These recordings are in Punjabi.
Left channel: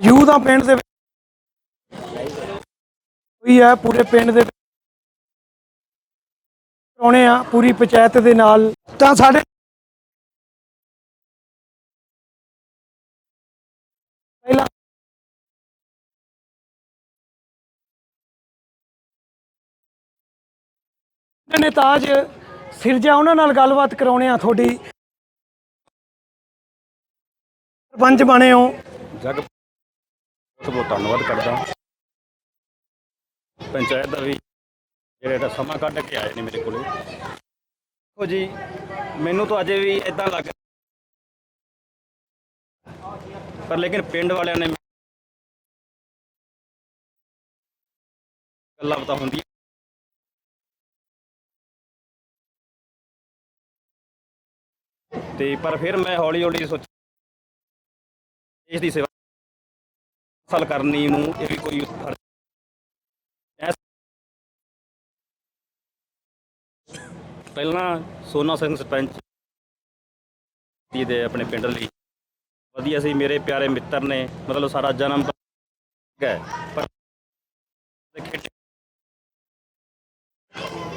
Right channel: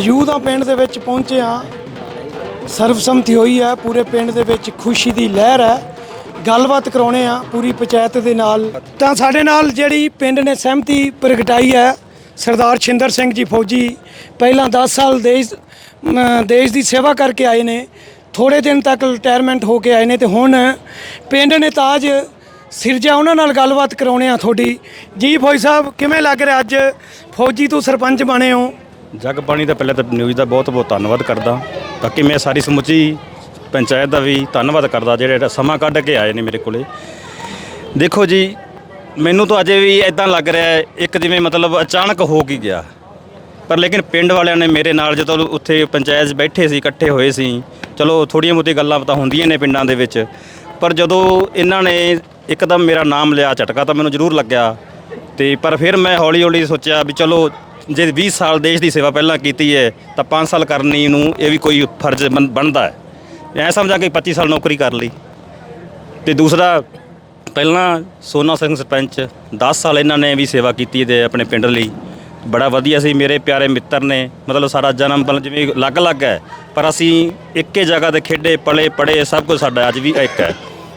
ਮੌਜੂਦ ਆ ਪਿੰਡ ਦੇ ਵਿੱਚ ਪਹੁੰਚੇ ਆ ਸਰਵਸੰਮਤੀ ਹੋਈ ਹੈ ਪੂਰੇ ਪਿੰਡ ਦੇ ਵਿੱਚ ਖੁਸ਼ੀ ਦੀ ਲਹਿਰ ਹੈ ਗੱਲਬਾਤ ਕਰਾਉਣੇ ਆ ਪੂਰੀ ਪੰਚਾਇਤ ਦੇ ਨਾਲ ਤਾਂ ਸਾਡੇ ਨਾਲ ਜਿਹੜੀ ਪਿੰਡ ਨੇ ਸਹਿਮਤੀ ਪ੍ਰਗਟਾਈ ਹੈ ਸਰਦਾਰ ਛਿੰਦਰ ਸਿੰਘ ਜੀ ਫੌਜੀ ਪਹਿਲਾਂ 10 ਸਾਲ ਦੇਸ਼ ਦੇਸ਼ ਦੀ ਸੇਵਾ ਕਰਕੇ ਆਏ ਨੇ ਥੋੜੇ ਦਿਨ ਤੱਕ ਰਿਟਾਇਰਮੈਂਟ ਹੋ ਕੇ ਆਏ ਨੇ ਤੇ ਹੁਣ ਪਿੰਡ ਨੇ ਤਾਜ ਸਿਰਜਾ ਉਹਨਾਂ ਨਾਲ ਗੱਲਬਾਤ ਕਰਾਉਣੇ ਆ ਤੁਹਾਡੀ ਜੀ ਫੌਜੀ ਸਾਹਿਬ ਕਿਵੇਂ ਲੱਗ ਰਿਹਾ ਅੱਜ ਫੌਜੀ ਤੋਂ ਸਰਪੰਚ ਬਣੇ ਹੋ ਜਗ ਬਾਣੀ ਦਾ ਪਹਿਲੇ ਤਾਂ ਨਿਊਜ਼ ਦਾ ਬਹੁਤ ਬਹੁਤ ਧੰਨਵਾਦ ਕਰਦਾ ਤਾਂ ਕਿ ਮੈਂ ਸਾਰੀ ਸਮੁੱਚੀ ਪੰਚਾਇਤ ਦਾ ਵੀ ਧੰਨਵਾਦ ਕਰਦਾ ਜਿਹੜੇ ਸਮਾਂ ਕੱਢ ਕੇ ਆਏ ਨੇ ਮੇਰੇ ਕੋਲੇ ਦੇਖੋ ਜੀ ਮੈਨੂੰ ਤਾਂ ਅਜੇ ਵੀ ਇਦਾਂ ਲੱਗ ਰਿਹਾ ਇੱਕ ਜਿਵੇਂ ਮਤਲਬ ਅਚਾਨਕ ਹੋ ਕੀ ਗਿਆ ਪਰ ਲੇਕਿਨ ਪਿੰਡ ਵਾਲਿਆਂ ਨੇ ਮੇਰੇ ਨਾਲ ਜਦੋਂ ਉੱਥੇ ਪੰਚਾਇਤ ਬੈਠੇ ਸੀ ਇਕੱਠੇ ਹੋਏ ਸੀ ਚਲੋ ਥੋੜੀਆਂ ਮੋਟੀ ਗੱਲਾਂ ਤਾਂ ਹੁੰਦੀਆਂ ਨੇ ਪਿੰਡਾਂ ਦੇ ਵਿੱਚ ਪਰ ਜਦੋਂ ਇਹਨਾਂ ਨੇ ਇੱਕਦਮ ਮੇਰਾ ਨਾਮ ਲਿਆ ਝਟਕਾ ਤਾਂ ਮੈਨੂੰ ਜ਼ਰੂਰ ਲੱਗਿਆ ਤੇ ਪਰ ਫਿਰ ਮੈਂ ਹੌਲੀ-ਹੌਲੀ ਸੋਚਿਆ ਵੀ ਚਲੋ ਜੇ 20 ਸਾਲ ਦੇਸ਼ ਦੀ ਸੇਵਾ ਪਹਿਲਾਂ ਕੀਤੀ ਹੈ ਤਾਂ 5 ਸਾਲ ਕਰਨੀ ਨੂੰ ਇਹ ਵੀ ਕੋਈ ਫਰਜ਼ ਬਣਦਾ ਹੈ ਐ ਸਮਝਾ ਕੇ 25 ਸਾਲ ਨੌਕਰੀ ਕਰ ਲਈ ਤੇ ਦੂਸਰਾ ਪਹਿਲਾਂ ਸੋਨਾ ਸਿੰਘ ਸਰਪੰਚ 10 ਸਾਲ ਇਹਨਾਂ ਨੇ ਵੀ ਸੇਵਾ ਕੀਤੀ ਦੇ ਆਪਣੇ ਪਿੰਡ ਲਈ ਬੜਾ ਵਧੀਆ ਸੀ ਮੇਰੇ ਪਿਆਰੇ ਮਿੱਤਰ ਨੇ ਮਤਲਬ ਸਾਰਾ ਜਨਮ ਬਲ ਜਿਵੇਂ ਅਲੱਗ-ਅਲੱਗ ਹੈ ਪਰ ਅਸੀਂ ਇੱਕੇ ਜਗ੍ਹਾ ਤੇ ਖੇਡੇ ਪਲੇ ਪੜੇ ਸਭ ਕੁਝ ਸਾਡਾ ਅੱਜ ਵੀ ਇੱਕ ਹੈ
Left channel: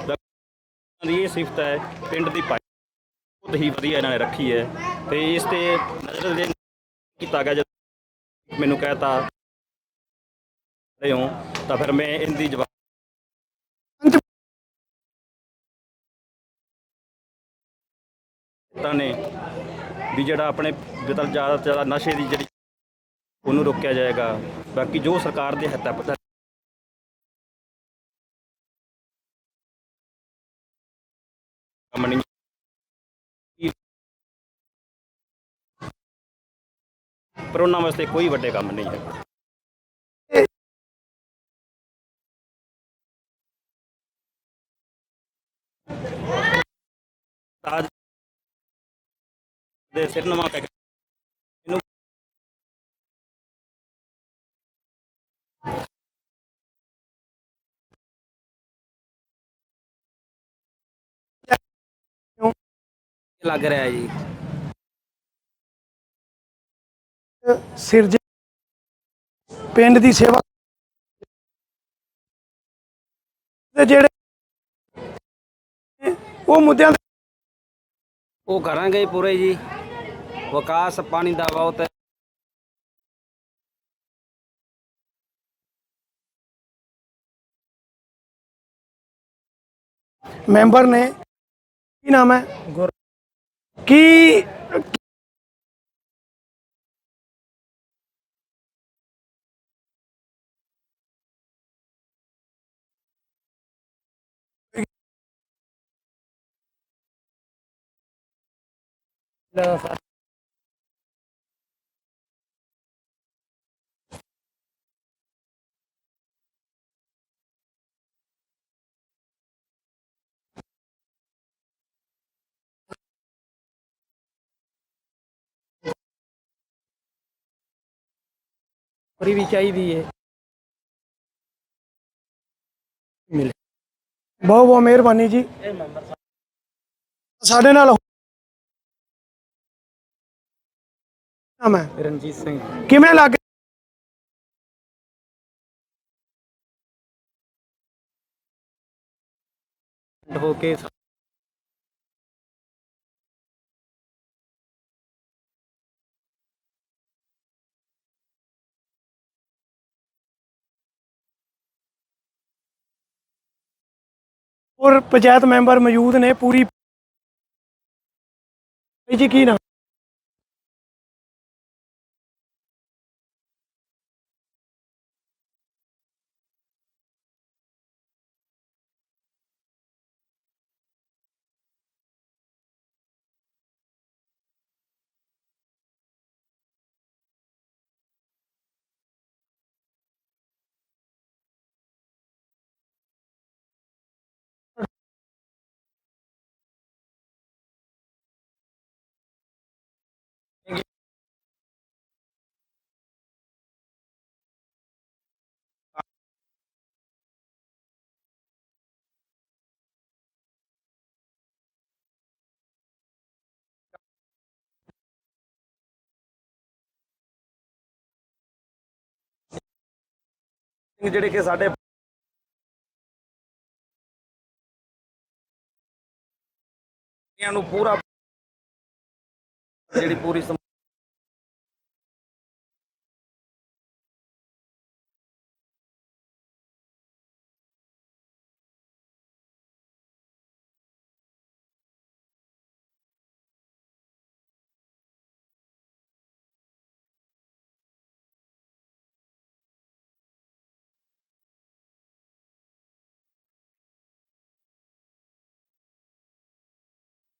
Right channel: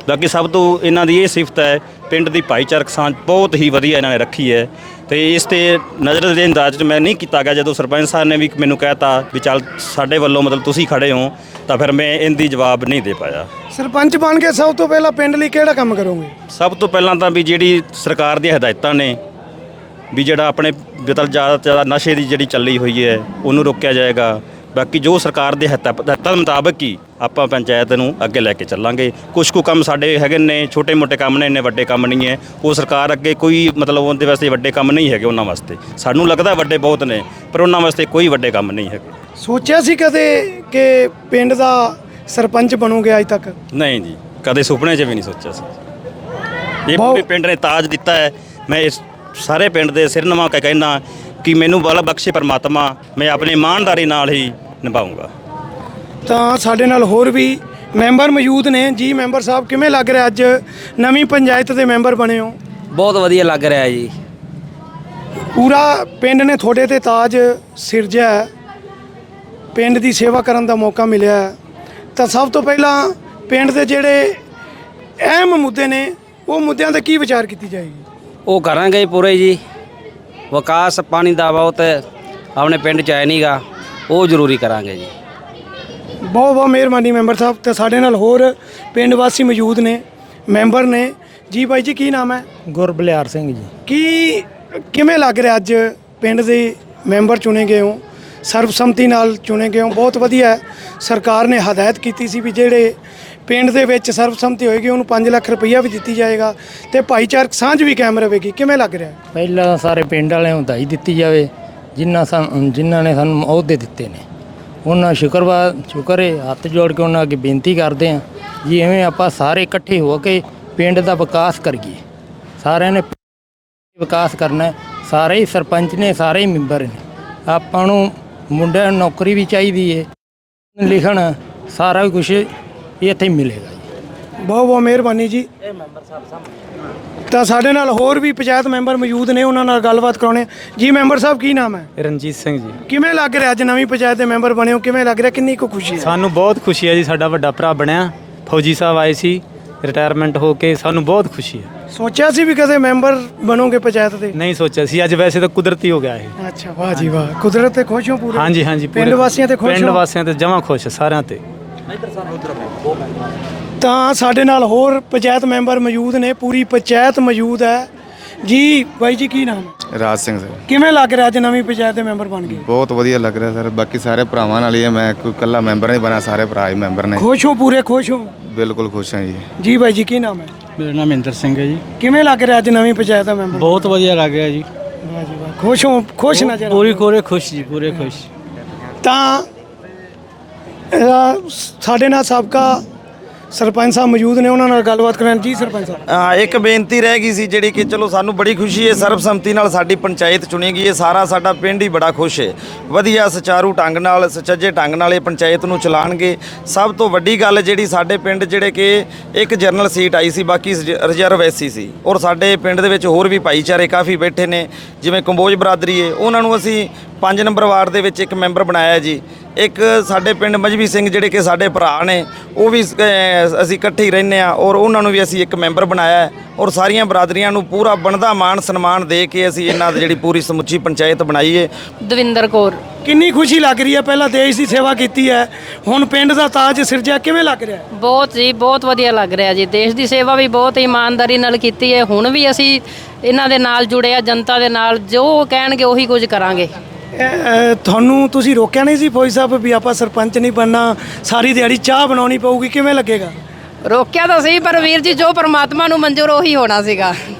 ਬਾਕੀ ਸਭ ਤੋਂ ਇਹਨਾਂ ਦੀ ਇਹ ਸਿਫਤ ਹੈ ਪਿੰਡ ਦੀ ਭਾਈਚਾਰਕ ਸਾਂਝ ਬਹੁਤ ਹੀ ਵਧੀਆ ਇਹਨਾਂ ਨੇ ਰੱਖੀ ਹੈ ਤੇ ਇਸ ਤੇ ਨਜ਼ਰ ਦੇ ਅੰਦਾਜ਼ ਚ ਮੈਂ ਨਹੀਂ ਕੀਤਾ ਗਿਆ ਜਦੋਂ ਸਰਪੰਚ ਸਾਹਿਬ ਨੇ ਵੀ ਮੈਨੂੰ ਕਹਿਤਾ ਵੀ ਚੱਲ ਸਾਡੇ ਵੱਲੋਂ ਮਤਲਬ ਤੁਸੀਂ ਖੜੇ ਹੋ ਤਾਂ ਫਿਰ ਮੈਂ ਇਹਦੀ ਜਵਾਬ ਨਹੀਂ ਦੇ ਪਾਇਆ ਸਰਪੰਚ ਬਣ ਕੇ ਸਭ ਤੋਂ ਪਹਿਲਾਂ ਪਿੰਡ ਲਈ ਕਿਹੜਾ ਕੰਮ ਕਰੋਗੇ ਸਭ ਤੋਂ ਪਹਿਲਾਂ ਤਾਂ ਵੀ ਜਿਹੜੀ ਸਰਕਾਰ ਦੀਆਂ ਹਦਾਇਤਾਂ ਨੇ ਵੀ ਜਿਹੜਾ ਆਪਣੇ ਜਿਤਲ ਜ਼ਿਆਦਾ ਜ਼ਿਆਦਾ ਨਸ਼ੇ ਦੀ ਜਿਹੜੀ ਚੱਲੀ ਹੋਈ ਹੈ ਉਹਨੂੰ ਰੋਕਿਆ ਜਾਏਗਾ ਬਾਕੀ ਜੋ ਸਰਕਾਰ ਦੇ ਹਤਾ ਪਤਾ ਮੁਤਾਬਕ ਹੀ ਆਪਾਂ ਪੰਚਾਇਤ ਨੂੰ ਅੱਗੇ ਲੈ ਕੇ ਚੱਲਾਂਗੇ ਕੁਝ ਕੁ ਕੰਮ ਸਾਡੇ ਹੈਗੇ ਨੇ ਛੋਟੇ ਮੋਟੇ ਕੰਮ ਨੇ ਇੰਨੇ ਵੱਡੇ ਕੰਮ ਨਹੀਂ ਹੈ ਉਹ ਸਰਕਾਰ ਅੱਗੇ ਕੋਈ ਮਤਲਬ ਉਹਦੇ ਵਾਸਤੇ ਵੱਡੇ ਕੰਮ ਨਹੀਂ ਹੈਗੇ ਉਹਨਾਂ ਵਾਸਤੇ ਸਾਨੂੰ ਲੱਗਦਾ ਵੱਡੇ ਬਹੁਤ ਨੇ ਪਰ ਉਹਨਾਂ ਵਾਸਤੇ ਕੋਈ ਵੱਡੇ ਕੰਮ ਨਹੀਂ ਹੈਗੇ ਸੋਚਿਆ ਸੀ ਕਦੇ ਕਿ ਪਿੰਡ ਦਾ ਸਰਪੰਚ ਬਣੂਗੇ ਅਜ ਤੱਕ ਨਹੀਂ ਜੀ ਕਦੇ ਸੁਪਨੇ 'ਚ ਵੀ ਨਹੀਂ ਸੋਚਿਆ ਸੀ ਇਹ ਪਿੰਡ ਨੇ ਤਾਜ ਦਿੱਤਾ ਹੈ ਮੈਂ ਇਸ ਸਾਰੇ ਪਿੰਡ ਦੇ ਸਿਰ ਨਵਾ ਕਹਿੰਦਾ ਕਿ ਮੈਨੂੰ ਬਲ ਬਖਸ਼ੇ ਪਰਮਾਤਮਾ ਮੈਂ ਆਪਣੀ ਇਮਾਨਦਾਰੀ ਨਾਲ ਹੀ ਨਿਭਾਉਂਗਾ ਤਾਂ ਸਾਡੇ ਨਾਲ ਹੋਰ ਵੀ ਮੈਂਬਰ ਮੌਜੂਦ ਨੇ ਜੀ ਮੈਂਬਰ ਸਾਹਿਬ ਕਿਵੇਂ ਲੱਗ ਰਿਹਾ ਅੱਜ ਨਵੀਂ ਪੰਚਾਇਤ ਦੇ ਮੈਂਬਰ ਬਣੇ ਹੋ ਬਹੁਤ ਵਧੀਆ ਲੱਗ ਰਿਹਾ ਜੀ ਪੂਰਾ ਪਿੰਡ ਨੇ ਤੁਹਾਡੇ ਤੇ ਤਾਜ ਸਿਰਜਿਆ ਪਿੰਡ ਦੀ ਸੇਵਾ ਕਰਨ ਦਾ ਮੌਕਾ ਮਿਲਿਆ ਤਾਂ ਸਭ ਤੋਂ ਪਹਿਲਾਂ ਪਿੰਡ ਦੇ ਜਿਹੜੇ ਅਹਿਮ ਮੁੱਦੇ ਨੇ ਉਹ ਮੁੱਦਿਆਂ ਤੇ ਕੀ ਵਿਚਾਰ ਕੀਤੀ ਜਾਏਗੀ ਉਹ ਕਰਾਂਗੇ ਪੂਰੇ ਜੀ ਵਿਕਾਸ ਪਾਣੀ ਦਾ ਬਹੁਤ ਆਪਣੇ ਪਿੰਡ ਚ ਆਇਆ ਨਹੀਂਗਾ ਉਹ ਜ਼ਰੂਰੀ ਕਰਾਂਗੇ ਜੀ ਬਹੁਤ ਬਹੁਤ ਮਿਹਰਬਾਨੀ ਮੈਂਬਰ ਸਾਹਿਬ ਤੇ ਸਾਡੇ ਨਾਲ ਹੋਰ ਪਿੰਡ ਵਾਸੀ ਮੌਜੂਦ ਨੇ ਮੈਂਬਰ ਨੇ ਜੀ ਭਾਈ ਜੀ ਕੀ ਨਾਮ ਹੈ ਗੁਰਬਲਿਆਰ ਸਿੰਘ ਜੀ ਕੀ ਕਿਵੇਂ ਲੱਗ ਰਿਹਾ ਅੱਜ ਪਿੰਡ ਦੇ ਮੈਂਬਰ ਚੁਣੇ ਗਏ ਹੋ ਸਰਬਸੰਮਤੀ ਨਾਲ ਚੁਣੇ ਗਏ ਹੋ ਬਹੁਤ ਵਧੀਆ ਹੈ ਸਰਕਾਰ ਨੇ ਹਦਾਇਤ ਕੀਤੀ ਸੀ ਵੀ ਜਿਹੜੇ ਪਿੰਡ ਦੇ ਵਿੱਚ ਸਰਬਸੰਮਤੀ ਹੋਏਗੀ ਉਹਨੂੰ 5 ਲੱਖ ਰੁਪਈਆ ਵੀ ਦਿੱਤੀ ਜਾਏਗਾ ਤੇ ਭਾਈਚਾਰਕ ਸਾਂਝ ਵੀ ਕਾਇਮ ਰਹੇਗੀ ਕਿਵੇਂ ਲੱਗ ਰਿਹਾ ਪਹਿਲਾਂ ਸਾਰੇ ਪਿੰਡ ਵਾਲਿਆਂ ਨੂੰ ਦਾਈ ਦਿੱਤੀ ਜਾਵੇ ਜਿਨ੍ਹਾਂ ਜਿਨ੍ਹਾਂ ਨੇ ਸਾਨੂੰ ਅਹੁਦੇ ਦਿੱਤੇ ਨੇ ਉਹਨਾਂ ਸ਼ੁਕਰਵਾਦ ਸ਼ੁਕਰੇ ਹੱਥ ਜੋੜ ਕੇ ਉਹਨਾਂ ਅੱਗੇ ਬੇਨਤੀ ਕਰਦੇ ਆਂ ਜੀ ਐਵੇਂ ਆਪਾਂ ਸਾਰੇ ਇਕੱਠੇ ਹੋ ਕੇ ਪਿੰਡ ਦਾ ਵਿਕਾਸ ਕਰੀਏ ਸਾਰਿਆਂ ਨੇ ਵਿਕਾਸ ਕਰਨਾ ਸਾਰੇ ਹੀ ਸਰਪੰਚ ਨੇ ਸਾਰੇ ਹੀ ਮੈਂਬਰ ਨੇ ਆਪਾਂ ਨੂੰ ਮੁੰਡਿਆਂ ਨੂੰ ਨੌਕਰੀ ਵੀ ਚਾਹੀਦੀ ਏ ਲਿਖਣ ਸਾਰਾ ਕੁਝ ਇੱਥੇ ਮਿਲੇਗਾ ਜੀ ਬਹੁਤ ਬਹੁਤ ਮਿਹਰਬਾਨੀ ਜੀ ਇਹ ਮੈਂਬਰ ਸਾਹਿਬ ਸਾਹਿਬ ਤਾਂ ਸਾਡੇ ਨਾਲ ਹੋਰ ਵੀ ਪੰਚਾਇਤ ਮੈਂਬਰ ਮੌਜੂਦ ਨੇ ਉਹਨਾਂ ਨਾਲ ਗੱਲਬਾਤ ਕਰਾਉਣੇ ਜੀ ਮੈਂਬਰ ਸਾਹਿਬ ਕੀ ਨਾਮ ਹੈ ਰਣਜੀਤ ਸਿੰਘ ਜੀ ਕਿਵੇਂ ਲੱਗ ਰਿਹਾ ਅੱਜ ਨਵੀਂ ਪੰਚਾਇਤ ਦੇ ਮੈਂਬਰ ਬਣੇ ਹੋ ਕਿਵੇਂ ਲੱਗ ਰਿਹਾ ਕਿੰਨੀ ਕੁ ਖੁਸ਼ੀ ਹੈ ਸਾਨੂੰ ਬਹੁਤ ਖੁਸ਼ੀ ਹੈ ਜੀ ਸਾਡਾ ਵੱਡਾ ਭਰਾ ਬਣਿਆ ਫੌਜੀ ਸਾਹਿਬ ਆਏ ਸੀ ਰਿਟਾਇਰਮੈਂਟ ਹੋ ਕੇ ਸਾਨੂੰ ਬਹੁਤ ਖੁਸ਼ੀ ਹੈ ਸੋਚਿਆ ਸੀ ਵੀ ਕਦੇ ਮੈਂਬਰ ਬਣੋਗੇ ਪੰਚਾਇਤ ਦੇ ਨਹੀਂ ਸੋਚਿਆ ਸੀ ਅੱਜ ਵੈਸੇ ਤਾਂ ਕੁਦਰਤੀ ਹੋ ਗਿਆ ਇਹ ਅੱਛਾ ਵਾਹ ਜੀ ਵਾਹ ਕੁਦਰਤ ਤੇ ਖੁਸ਼ ਹੋ ਪੂਰੇ ਹਾਂਜੀ ਹਾਂਜੀ ਪਿੰਡ ਵਾਸੀਆਂ ਤੇ ਖੁਸ਼ ਪਿੰਡ ਵਾਸੀਆਂ ਤੇ ਜਮਾ ਖੁਸ਼ ਸਾਰਿਆਂ ਤੇ ਇੱਧਰ ਸਾਰੇ ਉਧਰ ਬਹੁਤ ਮੈਂਬਰ ਤਾਂ ਸਾਡੇ ਨਾਲ ਹੋਰ ਪੰਚਾਇਤ ਮੈਂਬਰ ਮੌਜੂਦ ਨੇ ਪੂਰੀ ਪੰਚਾਇਤ ਮੌਜੂਦ ਹੈ ਜੀ ਬਾਈ ਜੀ ਕੀ ਨਾਮ ਰਾਜ ਸਿੰਘ ਸਰ ਕਿਵੇਂ ਲੱਗ ਰਿਹਾ ਜੇ ਨਵੀਂ ਪੰਚਾਇਤ ਦੇ ਮੈਂਬਰ ਬਣ ਗਏ ਬਹੁਤ ਵਧੀਆ ਲੱਗ ਰਿਹਾ ਸਰ ਬਾਕੀ ਸਾਰੇ ਭਰਾਵਾਂ ਨਾਲ ਹੀ ਮੈਂ ਕੋਈ ਇਕੱਲਾ ਮੈਂਬਰ ਨਹੀਂ ਬਣਾ ਸਾਰੇ ਭਰਾ ਹੀ ਮੈਂਬਰ ਨੇ ਖੁਸ਼ ਹੋ ਪੂਰੇ ਖੁਸ਼ ਹੋ ਬਿਲਕੁਲ ਖੁਸ਼ ਹਾਂ ਜੀ ਜੀ ਬਾਈ ਜੀ ਕੀ ਨਾਮ ਹੈ ਮੇਰਾ ਨਾਮ ਇੰਦਰ ਸਿੰਘ ਹੈ ਜੀ ਕਿਵੇਂ ਲੱਗ ਰਿਹਾ ਜੇ ਨਵੀਂ ਪੰਚਾਇਤ ਦਾ ਮੈਂਬਰ ਬਹੁਤ ਵਧੀਆ ਲੱਗ ਰਿਹਾ ਜੀ ਖੁਸ਼ ਹੋ ਖੁਸ਼ ਨਾ ਆ ਪੂਰੀ ਕੋਰੇ ਖੁਸ਼ ਜੀ ਪੂਰੇ ਖੁਸ਼ ਤਾਂ ਸਾਡੇ ਨਾਲ ਸਾਬਕਾ ਸਰਪੰਚ ਸਾਹਿਬ ਮੌਜੂਦ ਨੇ ਉਹਨਾਂ ਨਾਲ ਗੱਲਬਾਤ ਕਰਨ ਜੀ ਸਰਪੰਚ ਸਾਹਿਬ ਹਾਂ ਇੱਕ ਬੇਨਤੀ ਰਹਿ ਗਈ ਸੀ ਜਿਹੜੀ ਕਿ ਚਲੋ ਸਾਨੂੰ ਬੜੀ ਖੁਸ਼ੀ ਹੈ ਸਰਬਸੰਮਤੀ ਨਾਲ ਸਾਡੀ ਪੰਚਾਇਤ ਚੁਣੀ ਗਈ ਹੈ ਸਾਰਾ ਸਾਡਾ ਪਿੰਡ ਹੀ ਬੜਾ ਖੁਸ਼ ਹੈ ਵਧੀਆ ਸਚਾਰੂ ਢੰਗ ਨਾਲ ਸੱਚੇ ਢੰਗ ਨਾਲ ਇਹ ਪੰਚਾਇਤ ਨੂੰ ਚਲਾਣਗੇ ਸਭ ਤੋਂ ਵੱਡੀ ਗੱਲ ਜਿਹੜੀ ਸਾਡੇ ਪਿੰਡ ਜਿਹੜੇ ਕਿ ਇੱਕ ਜਨਰਲ ਸੀਟ ਆਈ ਸੀ ਬਾਕੀ ਰਿਜ਼ਰਵ ਐਸੀ ਸੀ ਔਰ ਸਾਡੇ ਪਿੰਡ ਦੇ ਵਿੱਚ ਹੋਰ ਵੀ ਭਾਈਚਾਰੇ ਕਾਫੀ ਬੈਠੇ ਨੇ ਜਿਵੇਂ ਕੰਬੋਜ ਬਰਾਦਰੀ ਹੈ ਉਹਨਾਂ ਨੂੰ ਅਸੀਂ ਪੰਜ ਨੰਬਰ ਵਾਰਡ ਦੇ ਵਿੱਚ ਇੱਕ ਮੈਂਬਰ ਬਣਾਇਆ ਜੀ ਇੱਕ ਸਾਡੇ ਪਿੰਡ ਮਜਵੀ ਸਿੰਘ ਜਿਹੜੇ ਕਿ ਸਾਡੇ ਭਰਾ ਨੇ ਉਹ ਵੀ ਅਸੀਂ ਇਕੱਠੇ ਹੀ ਰਹਿੰਨੇ ਆ ਔਰ ਉਹਨਾਂ ਨੂੰ ਵੀ ਅਸੀਂ ਇੱਕ ਮੈਂਬਰ ਬਣਾਇਆ ਔਰ ਸਾਰੀਆਂ ਬਰਾਦਰੀਆਂ ਨੂੰ ਪੂਰਾ ਬਣਦਾ ਮਾਣ ਸਨਮਾਨ ਦੇ ਕੇ ਅਸੀਂ ਇਹਨਾਂ ਦੀ ਜਿਹੜੀ ਪੂਰੀ ਸਮੁੱਚੀ ਪੰਚਾਇਤ ਬਣਾਈ ਬਣਾਈਏ ਦਵਿੰਦਰ ਕੌਰ ਕਿੰਨੀ ਖੁਸ਼ੀ ਲੱਗ ਰਹੀ ਹੈ ਪਹਿਲਾਂ ਦੇਸ਼ ਦੀ ਸੇਵਾ ਕੀਤੀ ਹੈ ਹੁਣ ਪਿੰਡ ਦਾ ਤਾਜ ਸਿਰ ਸਿਰਜਿਆ ਕਿਵੇਂ ਲੱਗ ਰਿਹਾ ਬਹੁਤ ਜੀ ਬਹੁਤ ਵਧੀਆ ਲੱਗ ਰਿਹਾ ਜੀ ਦੇਸ਼ ਦੀ ਸੇਵਾ ਵੀ ਬਹੁਤ ਇਮਾਨਦਾਰੀ ਨਾਲ ਕੀਤੀ ਹੈ ਹੁਣ ਵੀ ਅਸੀਂ ਇਹਨਾਂ ਦੇ ਨਾਲ ਜੁੜੇ ਆ ਜਨਤਾ ਦੇ ਨਾਲ ਜੋ ਕਹਿਣਗੇ ਉਹੀ ਕੁਝ ਕਰਾਂਗੇ ਤੁਹਾਨੂੰ ਤੁਸੀਂ ਰੋਕਿਆ ਨਹੀਂ ਸੀ ਫੌਜੀ ਸਾਹਿਬ ਵੀ ਆਪਾਂ ਸਰਪੰਚ ਨਹੀਂ ਬੰਨਾ ਸਾਰੀ ਦਿਹਾੜੀ ਚਾਹ ਬਣਾਉਣੀ ਪਊਗੀ ਕਿਵੇਂ ਲੱਗੇਗਾ ਰੋਕਿਆ ਤਾਂ ਸਹੀ ਪਰ ਵੀਰ ਜੀ ਜੋ ਪਰਮਾਤਮਾ ਨੂੰ ਮਨਜ਼ੂਰ ਉਹੀ ਹੋਣਾ ਸੀਗਾ